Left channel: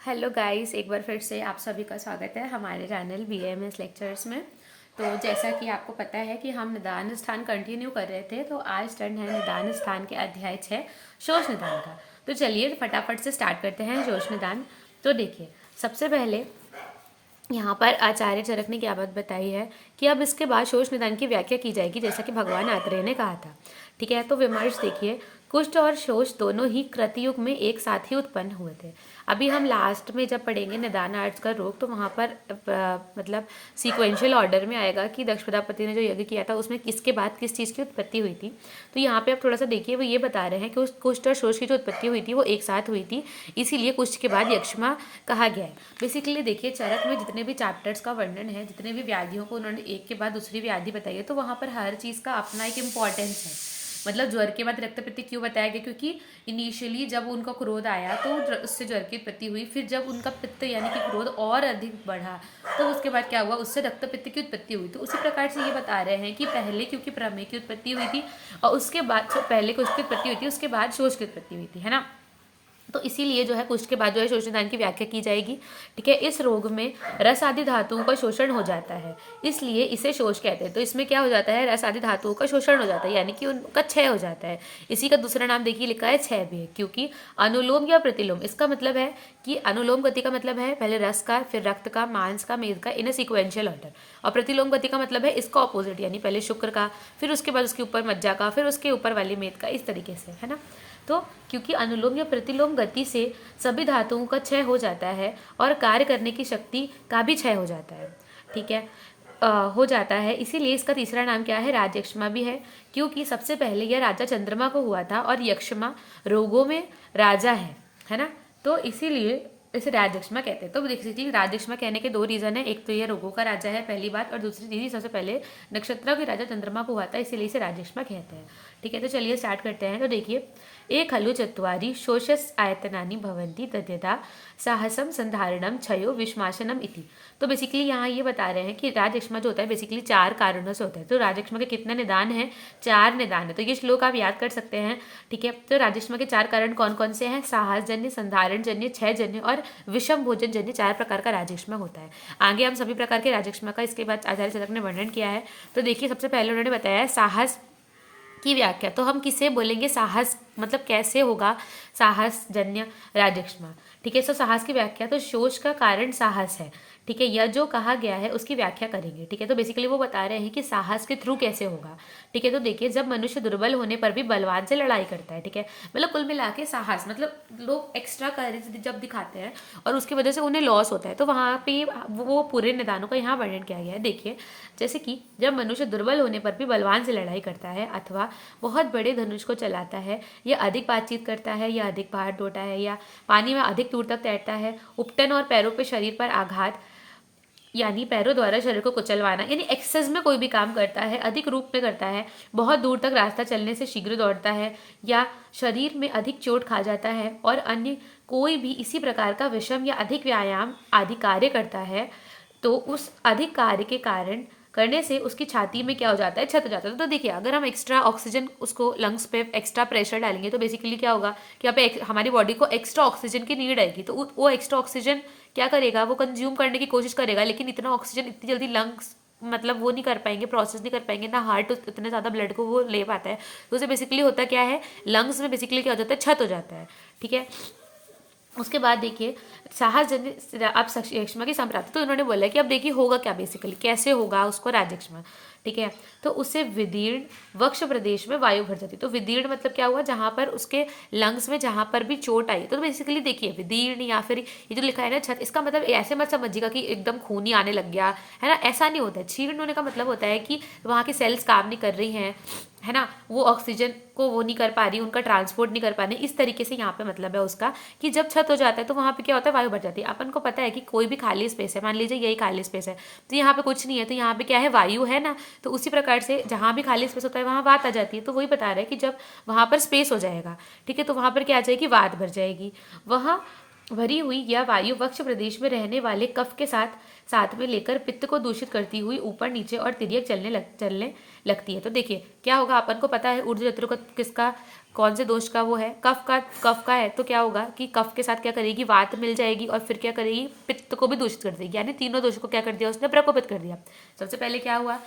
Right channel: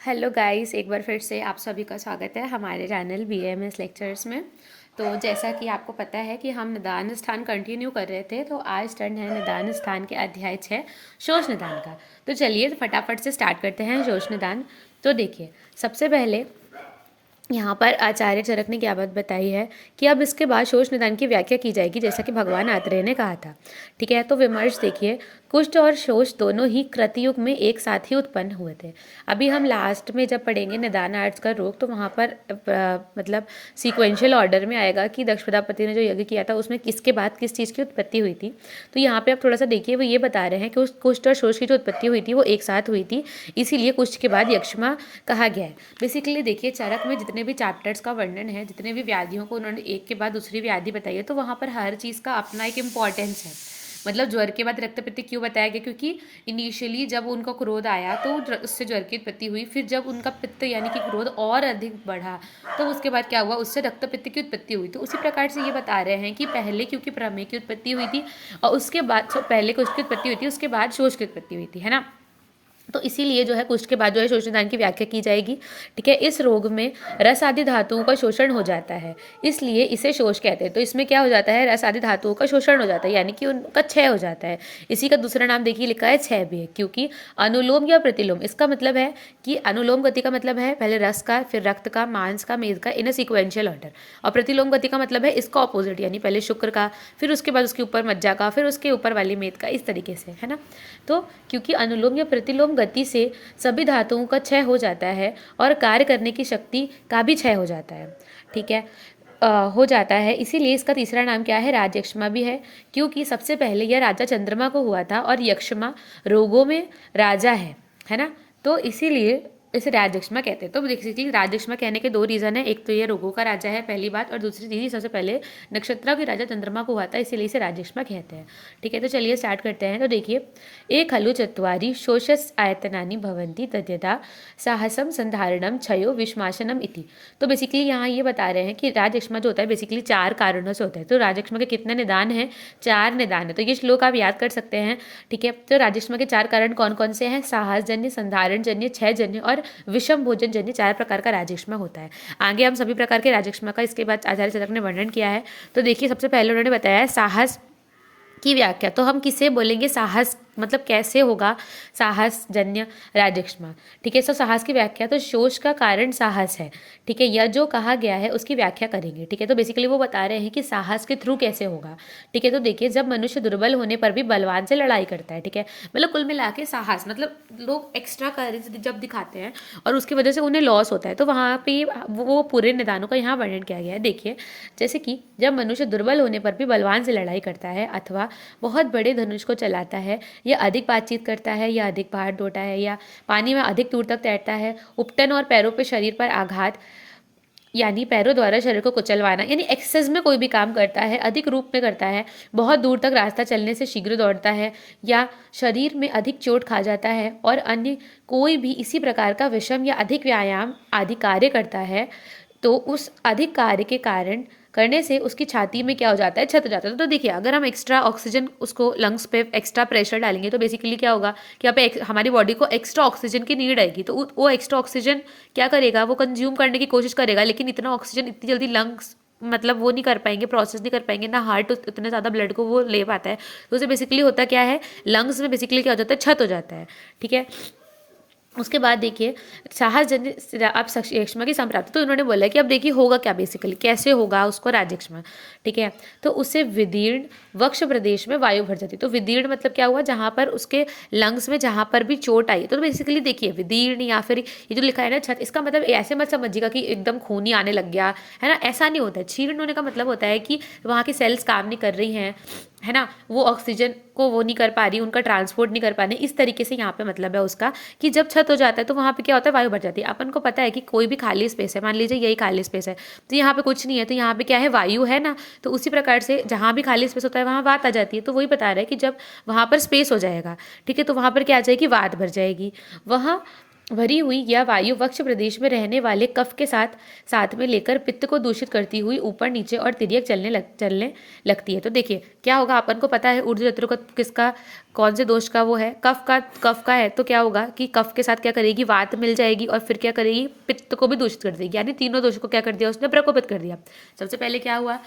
Hello guys, एक बार फिर से आप सभी का स्वागत है हमारे चैनल BAMS लेक्चर्स में। तो जैसा कि आपको पता है कि हम निदान स्थान कंटिन्यू कर रहे थे, तो आज टर्न है निदान स्थान के अध्याय 6 शोष निदान का। तो चलिए फटाफट से स्टार्ट करते हैं शोष निदान। तो देखिए, सबसे पहले यहाँ पर आचार्य चरक ने क्या बात बताई है कि अब इसके बाद शोष निदान की व्याख्या की जाएगी, जैसा कि भगवान आत्रेय ने कहा था। ठीक है, तो विमर्श देखिए, कुष्ठ और शोष दोनों ही कृतयुग में एक साथ ही उत्पन्न हुए थे। अभी हम लास्ट में जब पढ़ेंगे निदान आर्ट्स का रोग, तो वहाँ पर मतलब सीक्वेंशियल ऑर्डर में आएगा कि दक्ष प्रजापति ने जो यज्ञ किया था उसमें किसके बाद किस चीज़ की उत्पत्ति हुई थी। तो यहाँ पे आप थोड़ा सा देखिए, वो ये बता रहे हैं कि उस कुष्ठ और शोष की जो उत्पत्ति हुई थी वो एक साथ हुई थी, इसीलिए कुष्ठ के बाद यक्ष्मा कहा गया है। बेसिकली देखिए, चरक में जितने भी चैप्टर्स का वर्णन है, जितने भी व्याधियों को उन्होंने एक के बाद दूसरी व्याधि बताई है, तो वहाँ पर हर चीज़ का अपना एक इम्पॉर्टेंस है। मतलब ज्वर के बाद रक्तपित्त क्यों बताया गया, क्योंकि इनिशियली जब उनका क्रोध आया तो उससे ज्वर की उत्पत्ति हुई, फिर जब उनका पित्त यानी कि क्रोध और अधिक बढ़ा तो उसके बाद क्या हुआ, उससे रक्तपित्त की उत्पत्ति हुई। तो उसी प्रकार से ये बता रहे हैं कि पहले क्योंकि प्रमेय की उत्पत्ति हुई थी और उसके बाद पहले कुछ की उत्पत्ति हुई थी, उसके बाद शोष की उत्पत्ति हुई थी, है ना। तो इसीलिए जो है कुष्ठ के बाद जो है शोषणदान की व्याख्या की जाएगी। ठीक है, इस रोग में रस आदि धातुओं का शोषण हो जाता है, इसलिए इसे शोष कहते हैं। तो इसमें क्या हो जाता है, रस आदि धातुओं का शोषण हो जाता है, यानी कि उनका क्षय हो जाता है। इसी का दूसरा नाम देखिए लिखा है क्षय भी है, क्योंकि अनुलोम या प्रतिलोम, इसका मतलब है कि अनुलोम गति का मतलब है पहले रस का, फिर रक्त का, मांस का, मेद का, इन सीक्वेंशियल ऑर्डर। और प्रतिलोम गति का मतलब है इसका ऑपोजिट, यानी पहले शुक्र का, फिर उसके बाद उसके ऊपर मज्जा का, फिर उसके ऊपर वाली मेद का, इस तरीके से, है ना। तो क्योंकि अनुलोम या प्रतिलोम गति से सभी धातुओं का क्षय हो जाता है और कार्य करने की शक्ति का भी क्षय हो जाता है। ठीक है, हो जाता है, इसीलिए इसका तीसरा नाम क्या है, राजयक्ष्मा भी है, क्योंकि सबसे पहले यह राजा चंद्रमा को हुआ था और यक्ष्मा रोगों में राजा है ना। तो इसीलिए इसे राजयक्ष्मा कहते हैं। तो बेसिकली राजयक्ष्मा कहने के दो रीजन है, एक तो ये रोगों का राजा है पहली बात, और दूसरी चीज सबसे पहले नक्षत्रों के राजा चंद्रमा को हुआ था, इसीलिए इसे राजयक्ष्मा कहते हैं। ठीक है, तो चलिए स्टार्ट करते हैं। तो देखिए, एक खलु चत्वारि शोषस आयतनानि भवन्ति तद्यथा साहसम संधारणम क्षयो विश्माशनम इति। तो बेसिकली यहाँ ये बता रहे हैं कि राजयक्ष्मा जो होता है बेसिकली 4 कारणों से होता है। तो राजयक्ष्मा के कितने निदान हैं, 4 निदान है। तो ये श्लोक आप याद कर सकते हैं। ठीक है, तो राजयक्ष्मा के 4 कारण कौन कौन से हैं, साहसजन्य, संधारण जन्य, क्षय जन्य और विषम भोजन जन्य, 4 प्रकार का राजयक्ष्मा होता है। आगे हम सभी प्रकार के राजयक्ष्मा का इसके बाद आचार्य चरक ने वर्णन किया है। तो देखिए, सबसे पहले उन्होंने बताया है साहस की व्याख्या। तो हम किसे बोलेंगे, साहस मतलब कैसे होगा साहस जन्य राजयक्ष्मा। ठीक है, सो साहस की व्याख्या, तो शोष का कारण साहस है। ठीक है, यह जो कहा गया है उसकी व्याख्या करेंगे। ठीक है, तो बेसिकली वो बता रहे हैं कि साहस के थ्रू कैसे होगा। ठीक है, तो देखिए, जब मनुष्य दुर्बल होने पर भी बलवान से लड़ाई करता है। ठीक है, मतलब कुल मिला के साहस मतलब लोग एक्स्ट्रा करेज जब दिखाते हैं और उसकी वजह से उन्हें लॉस होता है, तो वहाँ पे वो पूरे निदानों का यहाँ वर्णन किया गया है। देखिए, जैसे कि जब मनुष्य दुर्बल होने पर भी बलवान से लड़ाई करता है अथवा बहुत बड़े धनुष को चलाता है, या अधिक बातचीत करता है, या अधिक पहाड़ ढोता है, या पानी में अधिक दूर तक तैरता है, उपटन और पैरों पर शरीर पर आघात यानी पैरों द्वारा शरीर को कुचलवाना, यानी एक्सेस में कोई भी काम करता है, अधिक रूप में करता है, बहुत दूर तक रास्ता चलने से शीघ्र दौड़ता है, या शरीर में अधिक चोट खा जाता है, और अन्य कोई भी इसी प्रकार का विषम या अधिक व्यायाम आदि कार्य करता है, तो उस अधिक कार्य के कारण करने से उसकी छाती में क्या हो जाता है, छत हो जाता है। तो देखिए, अगर हम एक्स्ट्रा ऑक्सीजन उसको लंग्स पे एक्स्ट्रा प्रेशर डालेंगे तो बेसिकली क्या होगा कि यहाँ पे हमारी बॉडी को एक्स्ट्रा ऑक्सीजन की नीड आएगी, तो वो एक्स्ट्रा ऑक्सीजन क्या करेगा, वो कंज्यूम करने की कोशिश करेगा, लेकिन इतना ऑक्सीजन इतनी जल्दी लंग्स मतलब वो नहीं कर पाएंगे, प्रोसेस नहीं कर पाएंगे, ना हार्ट उतने ज़्यादा ब्लड को वो ले पाता है। तो उसे बेसिकली होता क्या है, लंग्स में बेसिकली क्या हो जाता है, छत हो जाता है। ठीक है, उसके बाद देखिए, साहस जन्य आप यक्ष्मा की संप्राप्ति, तो उन्होंने बोला कि अब देखिए होगा क्या, बेसिकली कैसे होगा उसको राजयक्ष्मा। ठीक है, तो उससे विदीर्ण वक्ष प्रदेश में वायु भर जाती है। तो विदीर्ण मतलब क्या हुआ, जहाँ पर उसके लंग्स में जहाँ पर भी चोट आई, तो बेसिकली देखिए विदीर्ण या फिर ये जो लिखा है ना छत, इसका मतलब ऐसे मत समझिएगा कि एकदम खूनी आने लग गया, है ना, ऐसा नहीं होता है। क्षीर्ण होने का मतलब होता है कि वहाँ की सेल्स काम नहीं कर रही हैं, है ना, वो ऑक्सीजन को वो नहीं कर पा रही, उनका ट्रांसपोर्ट नहीं कर पा रही, इस तरीके से यहाँ पे मतलब है उसका कि जब छत हो जाता है तो वहाँ पे क्या होता है, वायु भर जाती है। अपन को पता है कि कोई भी खाली स्पेस है, मान लीजिए यही खाली स्पेस है, तो यहाँ पे कुछ नहीं है, तो यहाँ पे क्या है, वायु है ना, तो उसी प्रकार से जहाँ भी खाली स्पेस होता है वहाँ वात आ जाती है। तो वही बता रहा है कि जब वहाँ पर स्पेस हो जाएगा, ठीक है, तो वहाँ पर क्या आ जाएगी, वात भर जाएगी। वहाँ भरी हुई या वायु वक्ष प्रदेश में रहने वाले कफ के साथ साथ में लेकर पित्त को दूषित करती हुई ऊपर नीचे और तिर्यक चलने लगती है। तो देखिए क्या होगा, अपन को पता है ऊर्ध्व जत्रु का किसका कौन से दोष का वो है, कफ का है तो क्या होगा कि कफ के साथ क्या करेगी, वात मिल जाएगी और फिर क्या करेगी, पित्त को भी दूषित कर देगी। यानी तीनों दोषों को क्या कर दिया उसने, प्रकोपित कर दिया। सबसे पहले क्या हुआ,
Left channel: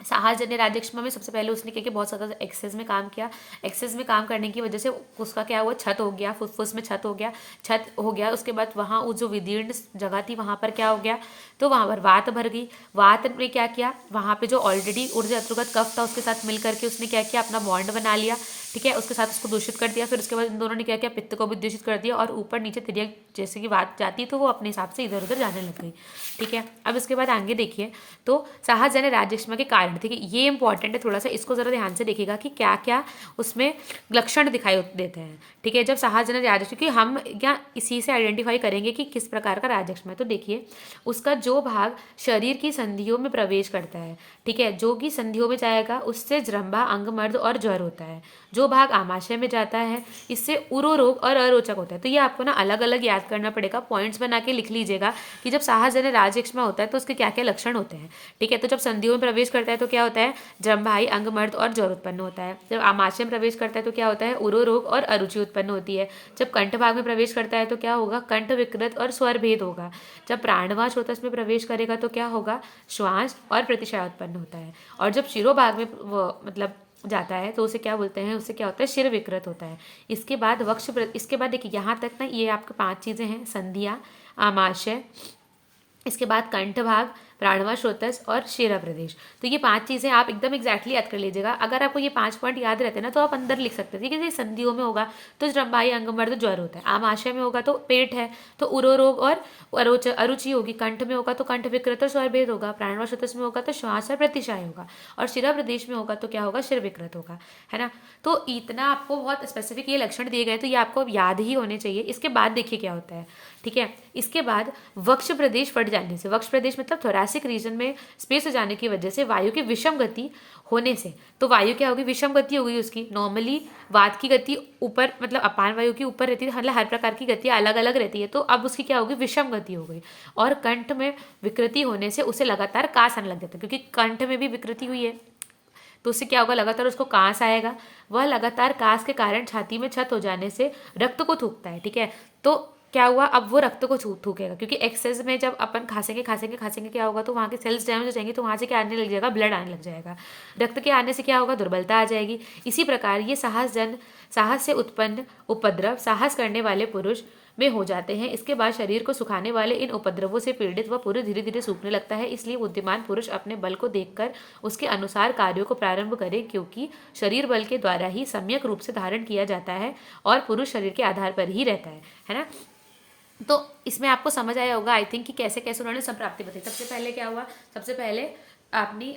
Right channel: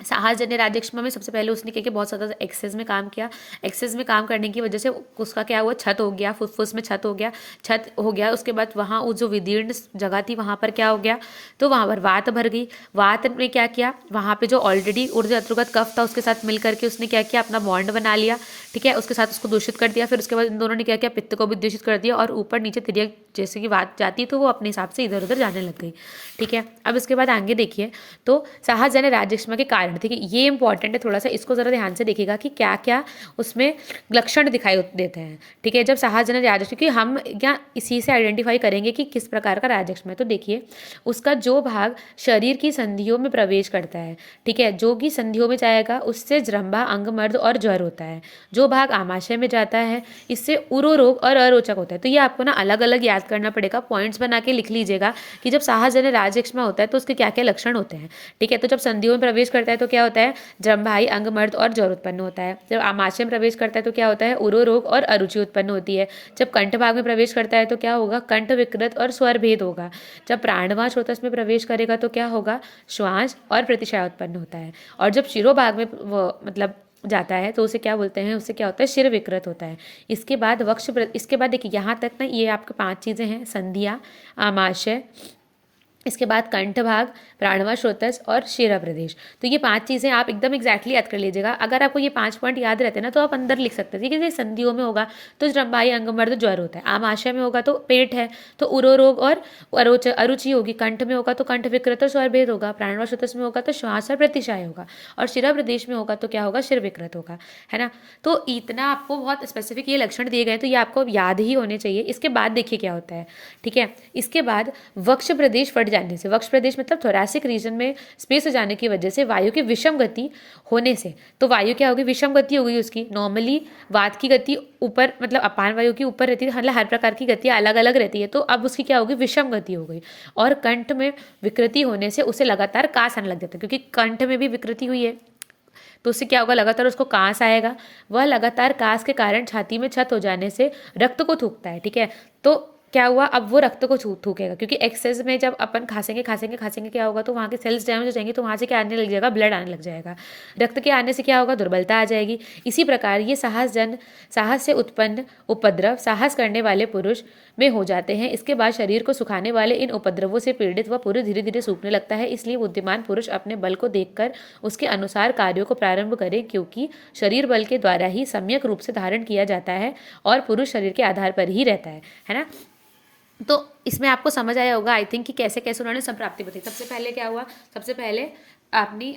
साहसजन्य राज्यक्षमा में सबसे पहले उसने क्या किया, बहुत ज़्यादा एक्सेस में काम किया। एक्सेस में काम करने की वजह से उसका क्या हुआ, छत हो गया, फुसफुस में छत हो गया। उसके बाद वहाँ वो जो विदीर्ण जगह थी वहाँ पर क्या हो गया, तो वहाँ पर वात भर गई। वात ने क्या किया, वहाँ पे जो ऑलरेडी ऊर्ध्व अन्तर्गत कफ था उसके साथ मिल करके उसने क्या किया, अपना बॉन्ड बना लिया, ठीक है, उसके साथ उसको दूषित कर दिया। फिर उसके बाद इन दोनों ने क्या किया, पित्त को भी दूषित कर दिया और ऊपर नीचे तिर्यक जैसे कि वात जाती तो वो अपने हिसाब से इधर उधर जाने लग गई, ठीक है। अब इसके बाद आगे देखिए, तो साहसजन्य राज्यक्षमा के कारण, ठीक है, ये इंपॉर्टेंट है, थोड़ा सा इसको जरा ध्यान से देखिएगा कि क्या क्या उसमें लक्षण दिखाई देते हैं, ठीक है। जब साहसजन्य राज्यक्षमा, क्योंकि हम क्या इसी से आइडेंटिफाई करेंगे कि किस प्रकार का राज्यक्षमा है। तो देखिए, उसका जो भाग शरीर की संधियों में प्रवेश करता है, ठीक है, जो कि संधियों में जाएगा उससे जृंभा, अंगमर्द और ज्वर होता है। जो भाग आमाशय में जाता है इससे उरो रोग और अरोचक होता है। तो ये आपको ना अलग अलग याद करना पड़ेगा, पॉइंट्स बना के लिख लीजिएगा कि जब साहसजन्य राज्यक्षमा होता है तो उसके क्या क्या लक्षण होते हैं, ठीक है। तो जब संधियों में प्रवेश करता है तो क्या होता है, जम्भाई, अंगमर्द और ज्वर उत्पन्न होता है। जब आमाशय में प्रवेश करता है तो क्या होता है, उरो रोग और अरुचि उत्पन्न होती है। जब कंठ भाग में प्रवेश करता है तो क्या होगा, कंठ विकृत और स्वर भेद होगा। जब प्राणवायु स्रोतस में प्रवेश करेगा तो क्या होगा, श्वास और प्रतिशय उत्पन्न होता है। और जब शिरोभाग में मतलब जाता है तो उसे क्या बोलते हैं, उससे क्या होता है, शिर विकृत होता है। इसके बाद देखिए यहाँ तक ना ये आपके 5 चीज़ें हैं, संधिया, आमाशय, इसके बाद कंठ भाग, प्राणवायु स्रोतस और शिरा प्रदेश। तो ये 5 चीज़ें आप एकदम एग्जैक्टली याद कर लीजिएगा। अगर आपको ये 5 पॉइंट याद रहते हैं ना तो आप अंदर लिख सकते हैं, ठीक है। संधियों में होगा तो जम्भाई, अंगमर्द, ज्वर होता है। आमाशय में होगा तो पेट है तो उरो रोग और अरुचि होगी। कंठ में होगा तो कंठ विकृत और स्वर भेद होगा। प्राणवायु स्रोतस में होगा तो श्वास और प्रतिशाय होगा। और शिरा प्रदेश में होगा तो क्या होगा, शिर विकृत होगा, है ना। तो इतना आपको बहुत स्पेसिफिक ये लक्षण दिए गए तो ये आपको याद ही होने चाहिए। इसके बाद देखिए क्या होता है, ठीक है। इसके बाद वक्ष प्रदेश फट जाने से, वक्ष प्रदेश मतलब थोरैसिक रीजन में स्पेस हो जाने की वजह से वायु की विषम गति होने से, तो वायु क्या होगी, विषम गति होगी उसकी। नॉर्मली वात की गति ऊपर मतलब अपान वायु की ऊपर रहती है, मतलब हर प्रकार की गतियाँ अलग अलग रहती है, तो अब उसकी क्या होगी, विषम गति हो गई। और कंठ में विकृति होने से उसे लगातार कास आने लग जाता है, क्योंकि कंठ में भी विकृति हुई है तो उससे क्या होगा, लगातार उसको कांस आएगा। वह लगातार कांस के कारण छाती में छत हो जाने से रक्त को थूकता है, ठीक है। तो क्या हुआ, अब वो रक्त को थूकेगा, क्योंकि एक्सेस में जब अपन खांसेंगे क्या होगा, तो वहाँ के सेल्स डैमेज हो जाएंगे, तो वहाँ से क्या आने लग जाएगा, ब्लड आने लग जाएगा। रक्त के आने से क्या होगा, दुर्बलता आ जाएगी। इसी प्रकार ये साहस से उत्पन्न उपद्रव साहस करने वाले पुरुष में हो जाते हैं। इसके बाद शरीर को सुखाने वाले इन उपद्रवों से पीड़ित वह पुरुष धीरे धीरे सूखने लगता है। इसलिए बुद्धिमान पुरुष अपने बल को देखकर उसके अनुसार कार्यों को प्रारंभ करे, क्योंकि शरीर बल के द्वारा ही सम्यक रूप से धारण किया जाता है और पुरुष शरीर के आधार पर ही रहता है ना। तो इसमें आपको समझ आया होगा आई थिंक कि कैसे कैसे उन्होंने संप्राप्ति बताई। सबसे पहले क्या हुआ, सबसे पहले अपनी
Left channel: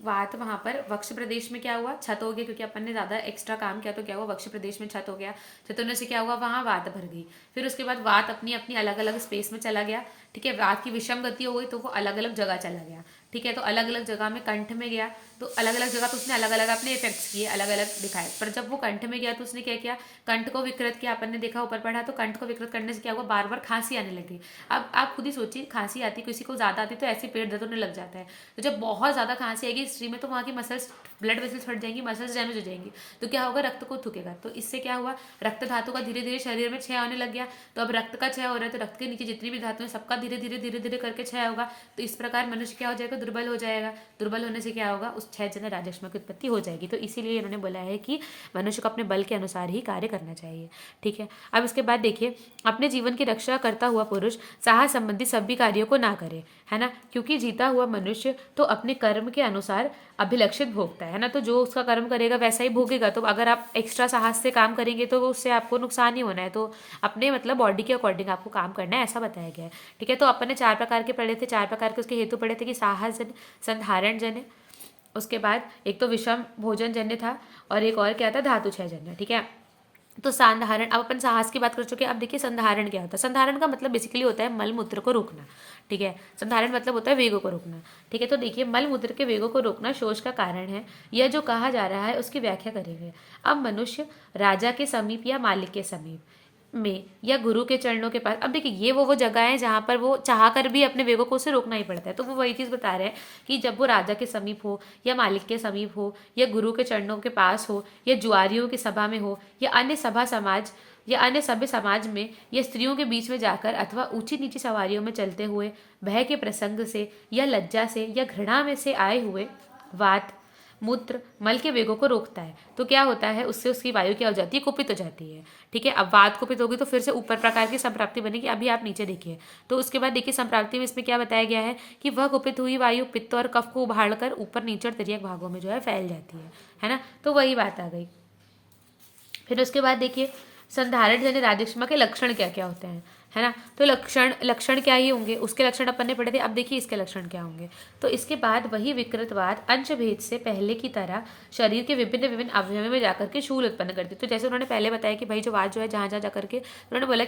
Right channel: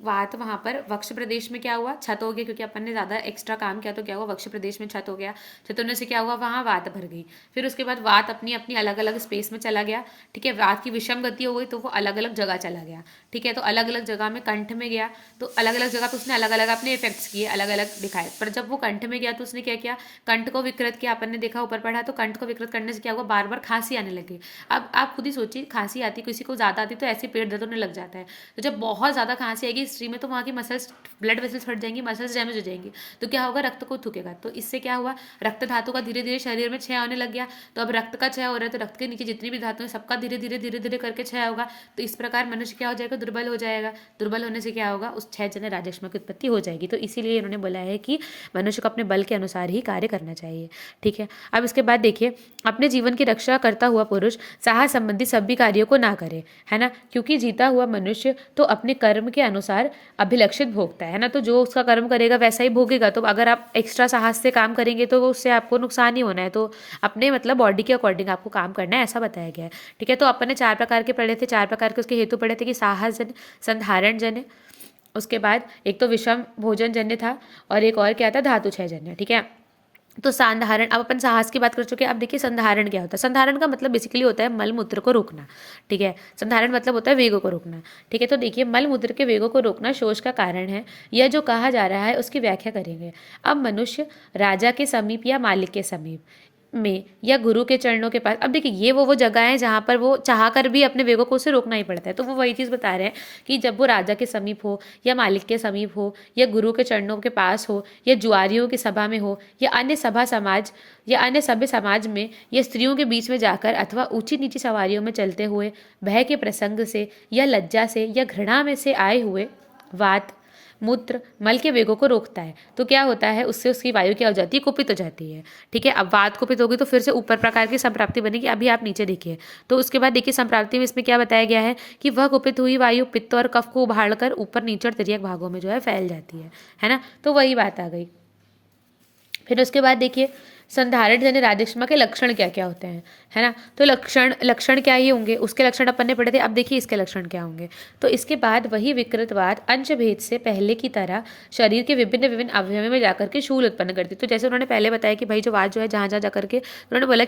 वात वहाँ पर वक्ष प्रदेश में क्या हुआ, छत हो गया, क्योंकि अपन ने ज़्यादा एक्स्ट्रा काम किया तो क्या हुआ, वक्ष प्रदेश में छत हो गया। छत होने से क्या हुआ, वहाँ वात भर गई। फिर उसके बाद वात अपनी अपनी अलग अलग स्पेस में चला गया, ठीक है। वात की विषम गति हो गई तो वो अलग अलग जगह चला गया, ठीक है। तो अलग अलग जगह में कंठ में गया तो अलग अलग जगह तो उसने अलग अलग अपने इफेक्ट्स किए, अलग अलग दिखाए। पर जब वो कंठ में गया तो उसने क्या किया, कंठ को विकृत किया। अपन ने देखा ऊपर पढ़ा, तो कंठ को विकृत करने से क्या हुआ, बार बार खांसी आने लगी। अब आप खुद ही सोचिए, खांसी आती किसी को ज़्यादा आती तो ऐसे पेट दर्द होने लग जाता है। तो जब बहुत ज़्यादा खांसी आएगी हिस्ट्री में तो वहाँ की मसल्स, ब्लड वेसल्स फट जाएंगी, मसल्स डैमेज हो जाएंगी, तो क्या होगा, रक्त को थूकेगा। तो इससे क्या हुआ, रक्त धातु का धीरे धीरे शरीर में क्षय होने लग गया। तो अब रक्त का क्षय हो रहा है तो रक्त के नीचे जितनी भी धातु है सबका धीरे धीरे करके क्षय होगा। तो इस प्रकार मनुष्य क्या हो जाएगा, दुर्बल हो जाएगा। दुर्बल होने से क्या होगा, उस साहसजन्य राज्यक्षमा की उत्पत्ति हो जाएगी। तो इसीलिए उन्होंने बोला है कि मनुष्य को अपने बल के अनुसार ही कार्य करना चाहिए, ठीक है। अब इसके बाद देखिए, अपने जीवन की रक्षा करता हुआ पुरुष साहस संबंधी सभी कार्यों को ना करे, है ना, क्योंकि जीता हुआ मनुष्य तो अपने कर्म के अनुसार अभिलक्षित भोगता है ना। तो जो उसका कर्म करेगा वैसा ही भोगेगा। तो अगर आप एक्स्ट्रा साहस से काम करेंगे तो उससे आपको नुकसान ही होना है। तो अपने मतलब बॉडी के अकॉर्डिंग आपको काम करना है, ऐसा बताया गया है, ठीक है। तो अपन ने 4 प्रकार के पढ़े थे, 4 प्रकार के उसके हेतु पढ़े थे कि साहस जन्य, संधारण जन्य, उसके बाद एक तो विषम भोजन जन्य था और एक और क्या था, धातु क्षय जन्य, ठीक है। तो संधारण, अब अपन साहस की बात कर चुके हैं। अब देखिए संधारण क्या होता है। संधारण का मतलब बेसिकली होता है मल मूत्र को रोकना, ठीक है। संधारण मतलब होता है वेगों को रोकना, ठीक है। तो देखिए, मल मूत्र के वेगों को रोकना शोष का कारण है, यह जो कहा जा रहा है उसकी व्याख्या करेंगे। अब मनुष्य राजा के समीप या मालिक के समीप में या गुरु के चरणों के पास। अब देखिए ये वो जगह है जहाँ पर वो चाह कर भी अपने वेगों को उसे रोकना ही पड़ता है। तो वो वही चीज़ बता रहे हैं कि जब वो राजा के समीप हो या मालिक के समीप हो या गुरु के चरणों के पास हो या जुआरियों की सभा में हो या अन्य सभ्य समाज में या स्त्रियों के बीच में जाकर अथवा ऊंची नीची सवारियों में चलते हुए भय के प्रसंग से या लज्जा से या घृणा में से आए हुए वात मूत्र मल के वेगों को रोकता है। तो क्या होता है, उससे उसकी वायु क्या हो जाती है, कुपित हो जाती है। ठीक है, अब वात कुपित होगी तो फिर से ऊपर प्रकार की संप्राप्ति बनेगी। अभी आप नीचे देखिए, तो उसके बाद देखिए संप्राप्ति में इसमें क्या बताया गया है कि वह कुपित हुई वायु पित्त और कफ को उभाड़ कर ऊपर नीचे और तिर्यक भागों में जो है फैल जाती है ना। तो वही बात आ गई। फिर उसके बाद देखिए संधारण यानी राजक्षमा के लक्षण क्या क्या होते हैं, है ना। तो लक्षण क्या ही होंगे, उसके लक्षण अपन ने पढ़े थे। अब देखिए इसके लक्षण क्या होंगे। तो इसके बाद वही विकृतवाद अंश भेद से पहले की तरह शरीर के विभिन्न विभिन्न अवयवों में जाकर के शूल उत्पन्न करती। तो जैसे उन्होंने पहले बताया कि भाई जो वाद जो है जहाँ जहाँ जाकर के उन्होंने बोला